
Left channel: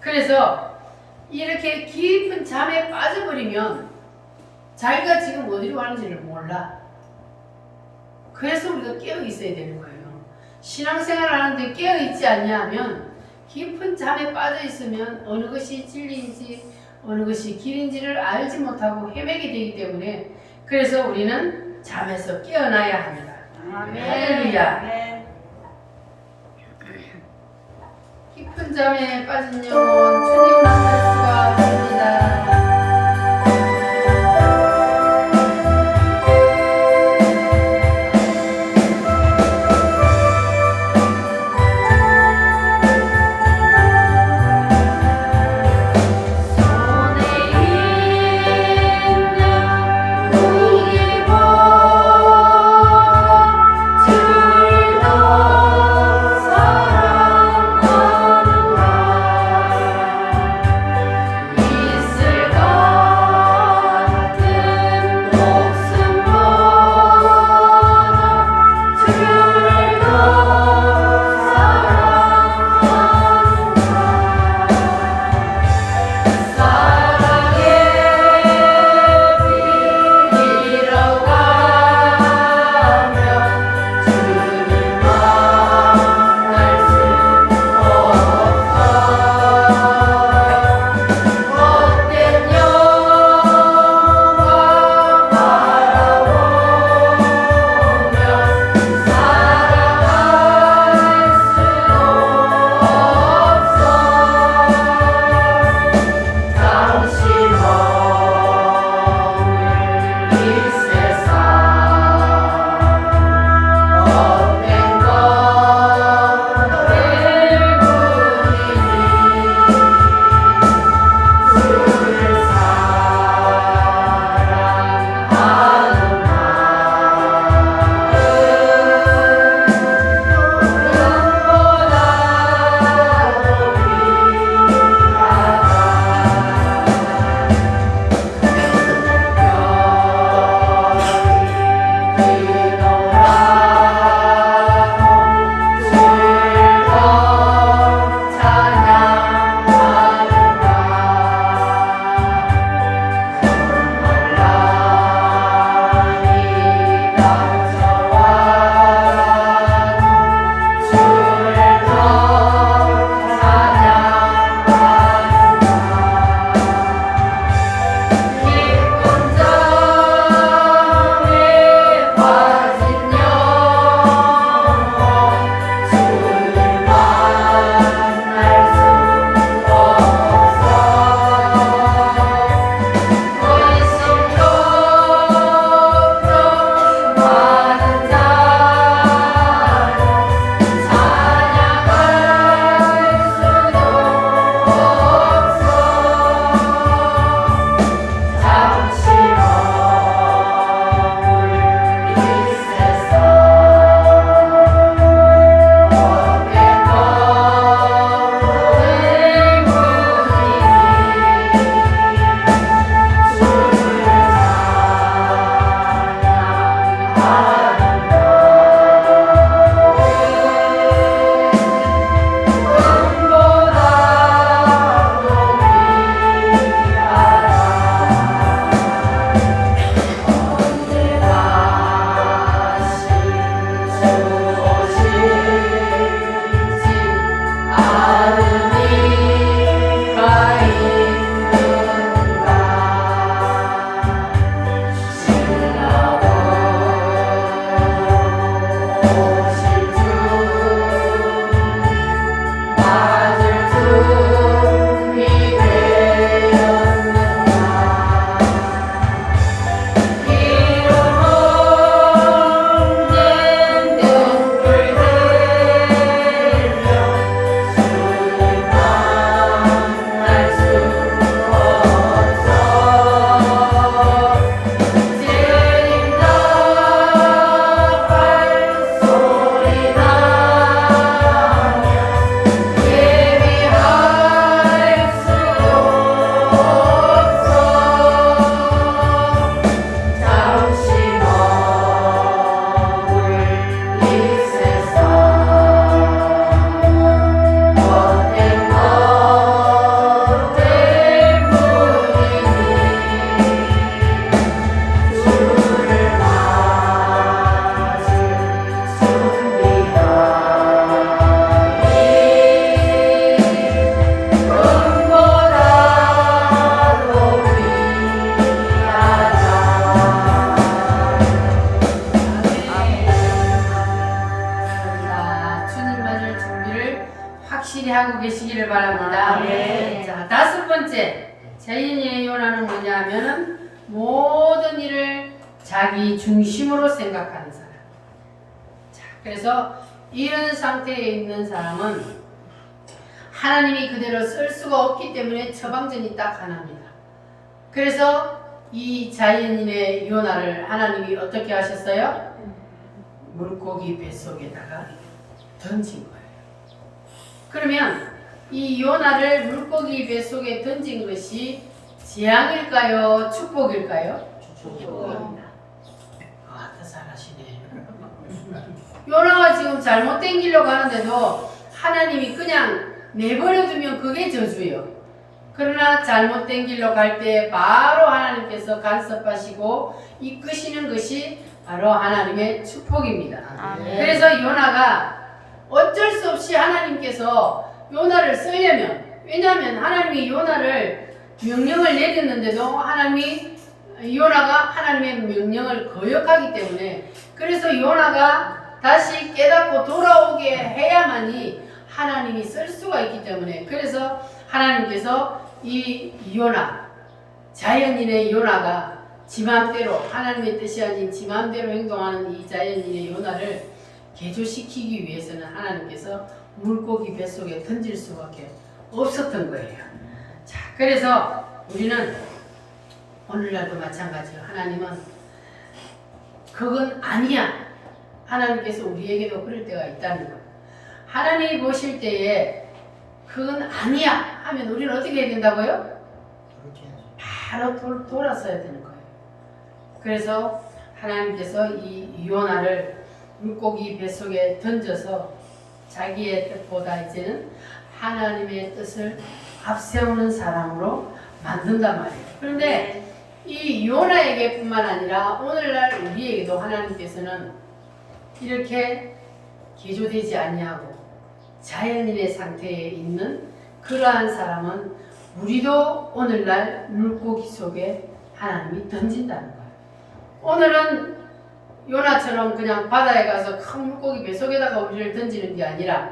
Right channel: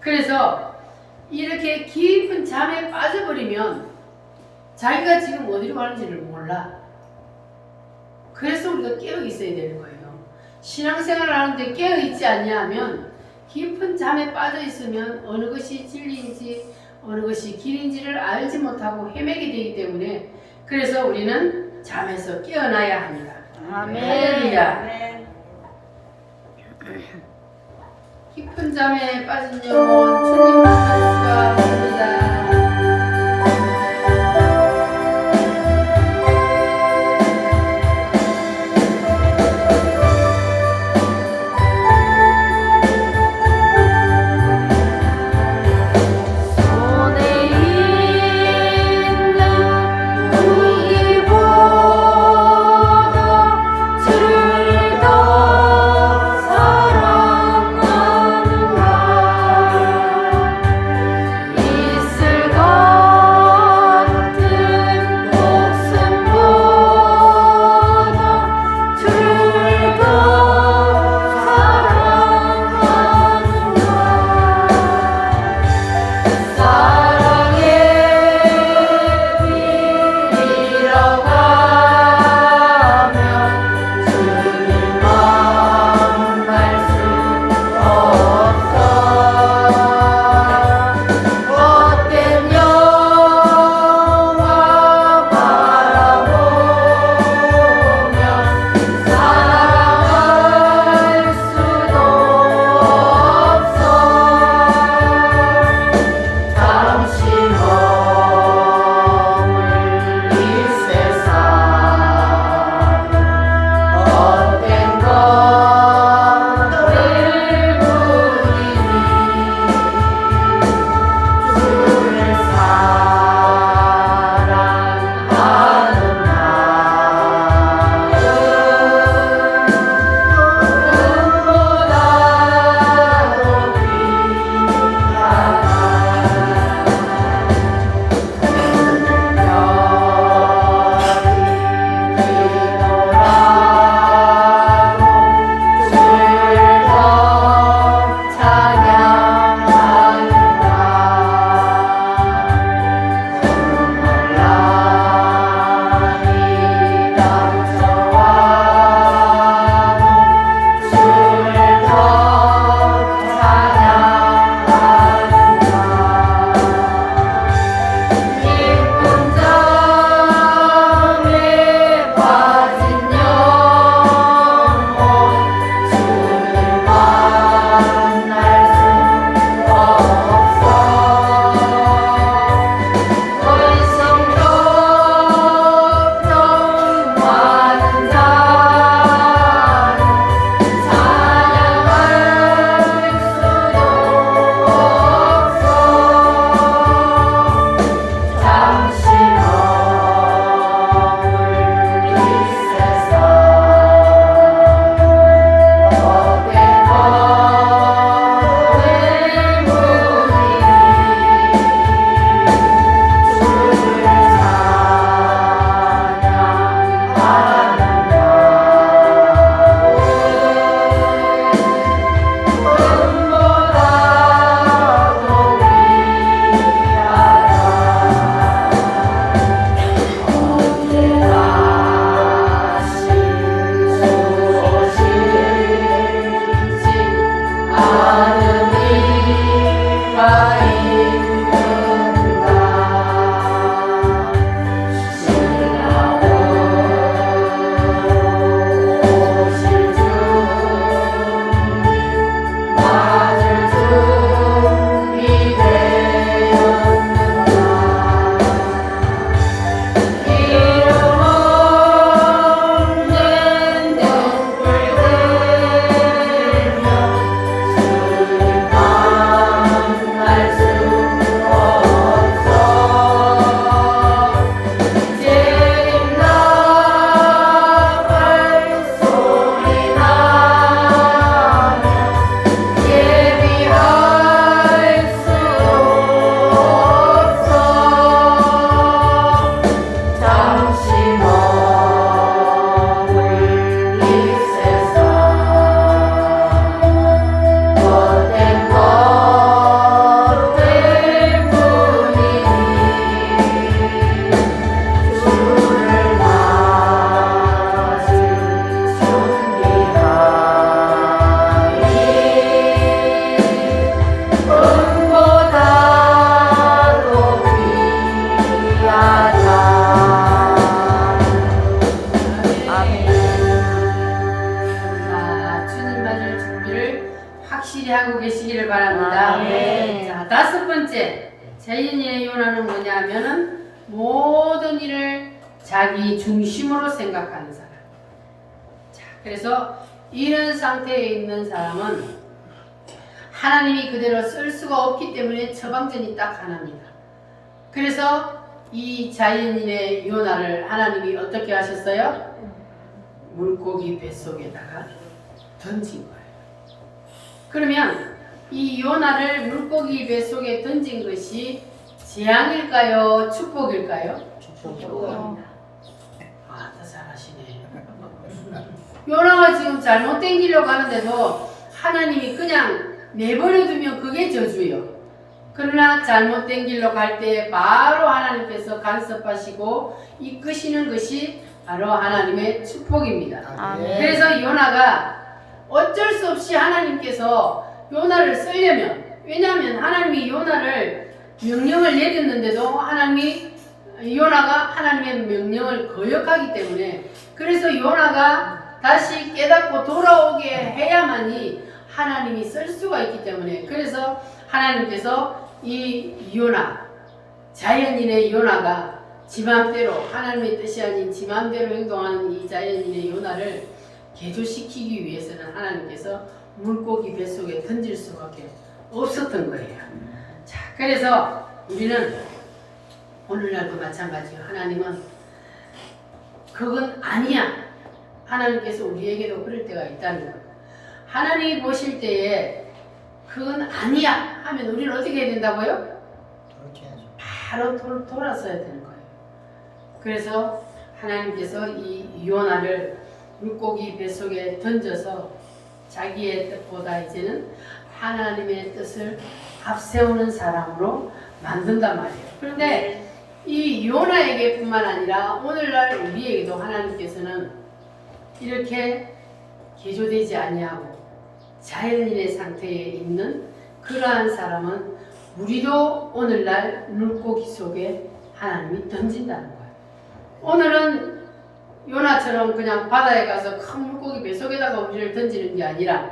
그래서 이렇게 깊은 잠에 빠져버리면 자기가 지금 어디로 가는지를 몰라. 그래서 우리가 깨어 있어야 되는 거예요. 신앙생활을 하는데 깨어 있지 않냐 하면 깊은 잠에 빠져 있으면 어느 것이 진리인지 어느 것이 길인지를 알지 못하고 헤매게 되기 때문에 그래서 우리는 잠에서 깨어나야 합니다. 할렐루야. 깊은 잠에 빠진 영혼 주님만 알 수가 없습니다. 다섯 번째 자연인의 요나는 뭐냐 하면은 모든 일을 자기 중심으로 생각하는 사람. 자, 그래서 이런 상태에 있는 사람은 하나님이 그대로 쓸 수가 없기 때문에 처방전이 딱 하나입니다. 그래서 이 자연인의 요나를 하나님이 어떻게 하셨어요? 물고기 뱃속에다가 던진 거예요. 그러면 이 요나를 물고기 뱃속에 던진 것이 재앙일까요? 축복일까요? 축복입니다. 아, 더 잘하시네. 요나가 지금 잘못 땡기려고 하는데도 하나님이 그냥 내버려두면 그게 저주예요. 그러나 잘못 땡기려고 할 때 바로 하나님께서 간섭하시고 이끄시는 것이 바로 하나님의 축복입니다. 아멘. 그래서 요나가 어쩔 수 없이 하나님께서 요나를 쓰려면, 왜냐하면 하나님이 요나를 명령을 내렸는데도 하나님이 요나가 하나님의 명령을 거역하기 때문에, 그래서 요나가 다시 깨닫고 돌아오게 해야만이 하나님이 쓸 수가 있기 때문에, 그래서 하나님께서 이 요나, 자연인의 요나가 지 맘대로, 하나님의 뜻이 아닌 지 맘대로 행동하는 이 자연인의 요나를 개조시키기 위해서는 하나님께서 물고기 뱃속에 던질 수밖에 없었던 거예요. 자, 그래서 우리는 오늘날도 마찬가지예요. 하나님은 그건 아니야. 하나님께서 우리에게도 그럴 때가 있다는 거예요. 하나님이 보실 때에 그건 아니야 하면 우리는 어떻게 해야 된다고요? 바로 돌아서야 되는 거예요. 그래서 하나님께서 이 요나를 물고기 뱃속에 던져서 자기의 뜻보다 이제는 하나님의 뜻을 앞세우는 사람으로 만든단 말이에요. 그런데 이 요나에게 뿐만 아니라 오늘날 우리에게도 하나님께서는 이렇게 개조되지 아니하고 자연인의 상태에 있는 그러한 사람은 우리도 오늘날 물고기 속에 하나님이 던진다는 거예요. 오늘은 요나처럼 그냥 바다에 가서 큰 물고기 뱃속에다가 우리를 던지는 게 아니라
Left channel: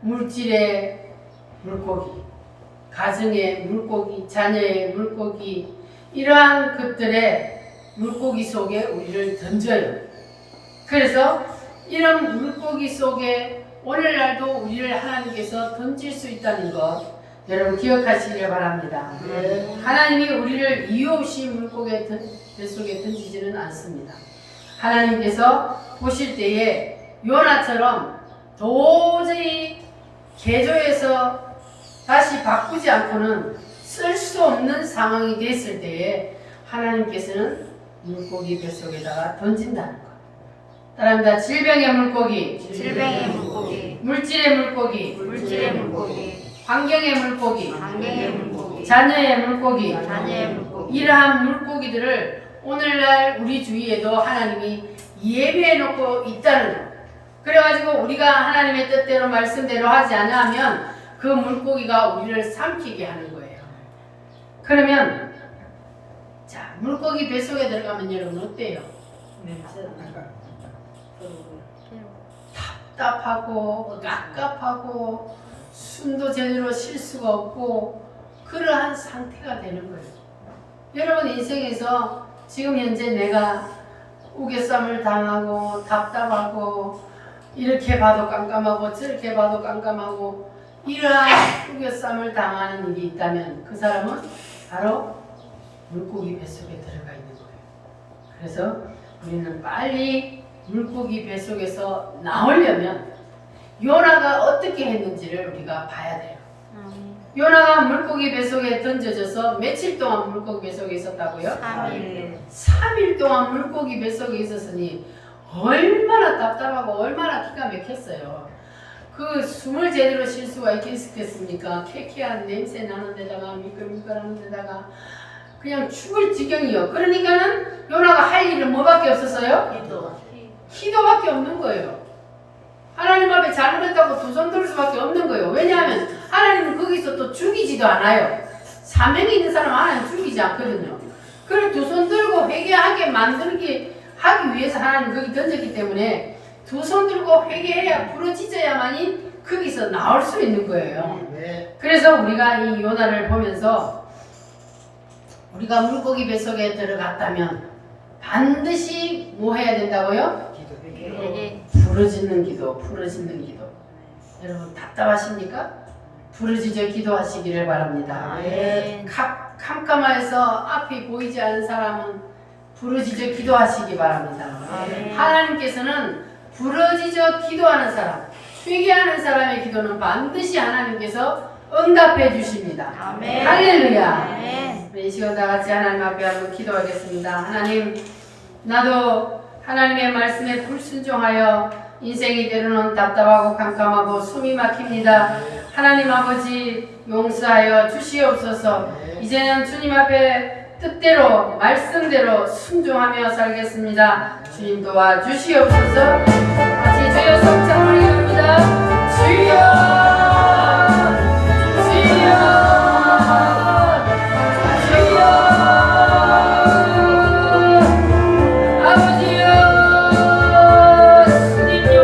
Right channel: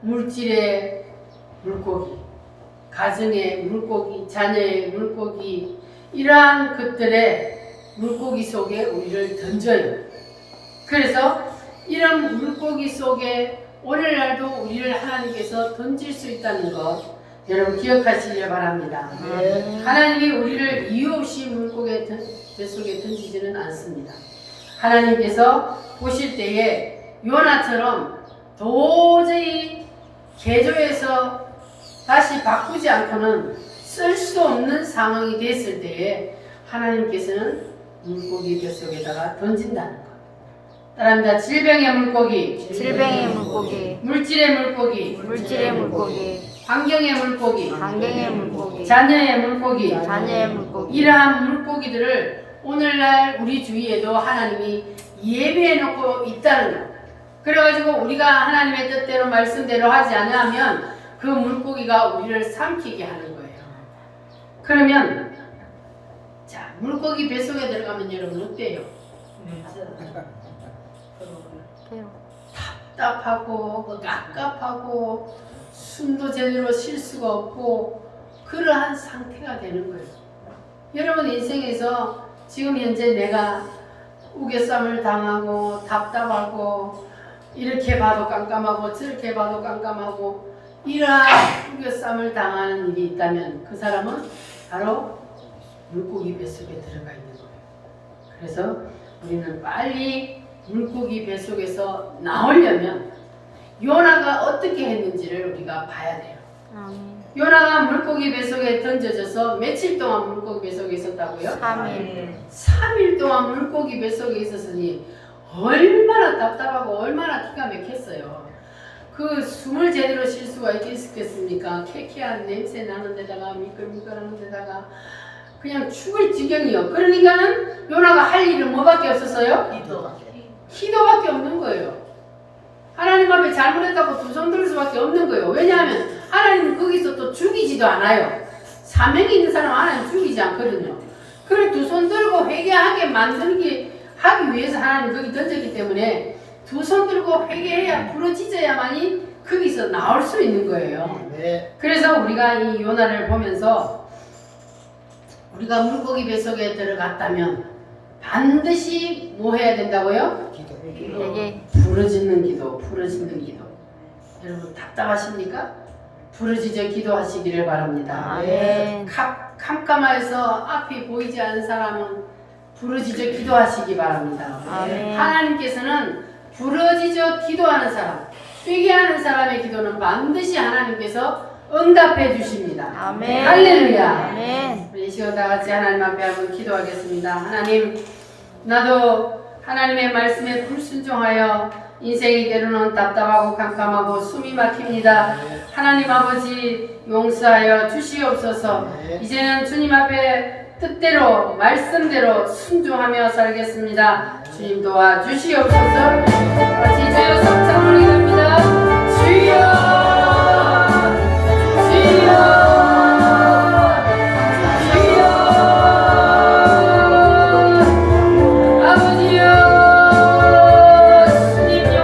물질의 물고기, 가정의 물고기, 자녀의 물고기, 이러한 것들의 물고기 속에 우리를 던져요. 그래서 이런 물고기 속에 오늘날도 우리를 하나님께서 던질 수 있다는 것 여러분 기억하시길 바랍니다. 하나님이 우리를 이유 없이 물고기 뱃속에 던지지는 않습니다. 하나님께서 보실 때에 요나처럼 도저히 개조해서 다시 바꾸지 않고는 쓸 수 없는 상황이 됐을 때에 하나님께서는 물고기 뱃속에다가 던진다는 것. 따라합니다. 질병의 물고기, 질병의 물고기, 물질의 물고기, 물질의 물고기, 환경의 물고기, 환경의 물고기, 자녀의 물고기, 자녀의 물고기, 이러한 물고기들을 오늘날 우리 주위에도 하나님이 예배해 놓고 있다는 것. 그래가지고 우리가 하나님의 뜻대로 말씀대로 하지 않으면 그 물고기가 우리를 삼키게 하는 거예요. 그러면 자, 물고기 뱃속에 들어가면 여러분 어때요? 답답하고 깝깝하고 숨도 제대로 쉴 수가 없고 그러한 상태가 되는 거예요. 여러분 인생에서 지금 현재 내가 우겨쌈을 당하고 답답하고 이렇게 봐도 깜깜하고 저렇게 봐도 깜깜하고 이러한 우겨쌈을 당하는 일이 있다면 그 사람은 바로 물고기 뱃속에 들어가 있는 거예요. 그래서 우리는 빨리 물고기 뱃속에서 나오려면 요나가 어떻게 했는지를 우리가 봐야 돼요. 요나가 물고기 뱃속에 던져져서 며칠 동안 물고기 뱃속에 있었다고요? 3일 동안 물고기 뱃속에 있었으니 얼마나 답답하고 얼마나 기가 막혔어요. 그 숨을 제대로 쉴 수가 있겠습니까? 쾌쾌한 냄새 나는 데다가 미끌미끌하는 데다가 그냥 죽을 지경이요. 그러니까는 요나가 할 일은 뭐밖에 없었어요? 기도밖에 없는 거예요. 하나님 앞에 잘못했다고 두 손 들 수밖에 없는 거예요. 왜냐하면 하나님은 거기서 또 죽이지도 않아요. 사명이 있는 사람은 하나님 죽이지 않거든요. 그걸 두 손 들고 회개하게 만들기 하기 위해서 하나님 거기 던졌기 때문에 두 손 들고 회개해야 부러지져야만이 거기서 나올 수 있는 거예요. 네. 그래서 우리가 이 요나를 보면서 우리가 물고기 뱃속에 들어갔다면 반드시 뭐 해야 된다고요? 기도. 예. 부르짖는 기도, 부르짖는 기도. 여러분 답답하십니까? 부르짖어 기도하시기를 바랍니다. 아멘. 캄캄해서 앞이 보이지 않는 사람은 부르짖어 기도하시기 바랍니다. 아멘. 하나님께서는 부르짖어 기도하는 사람, 회개하는 사람의 기도는 반드시 하나님께서 응답해 주십니다. 아멘. 할렐루야. 아멘. 우리 이 시간 다 같이 하나님 앞에 한번 기도하겠습니다. 하나님, 나도 하나님의 말씀에 불순종하여 인생이 때로는 답답하고 캄캄하고 숨이 막힙니다. 하나님 아버지 용서하여 주시옵소서. 이제는 주님 앞에 뜻대로 말씀대로 순종하며 살겠습니다. 주님 도와주시옵소서. 같이 주여 성찬 올리갑니다. 주여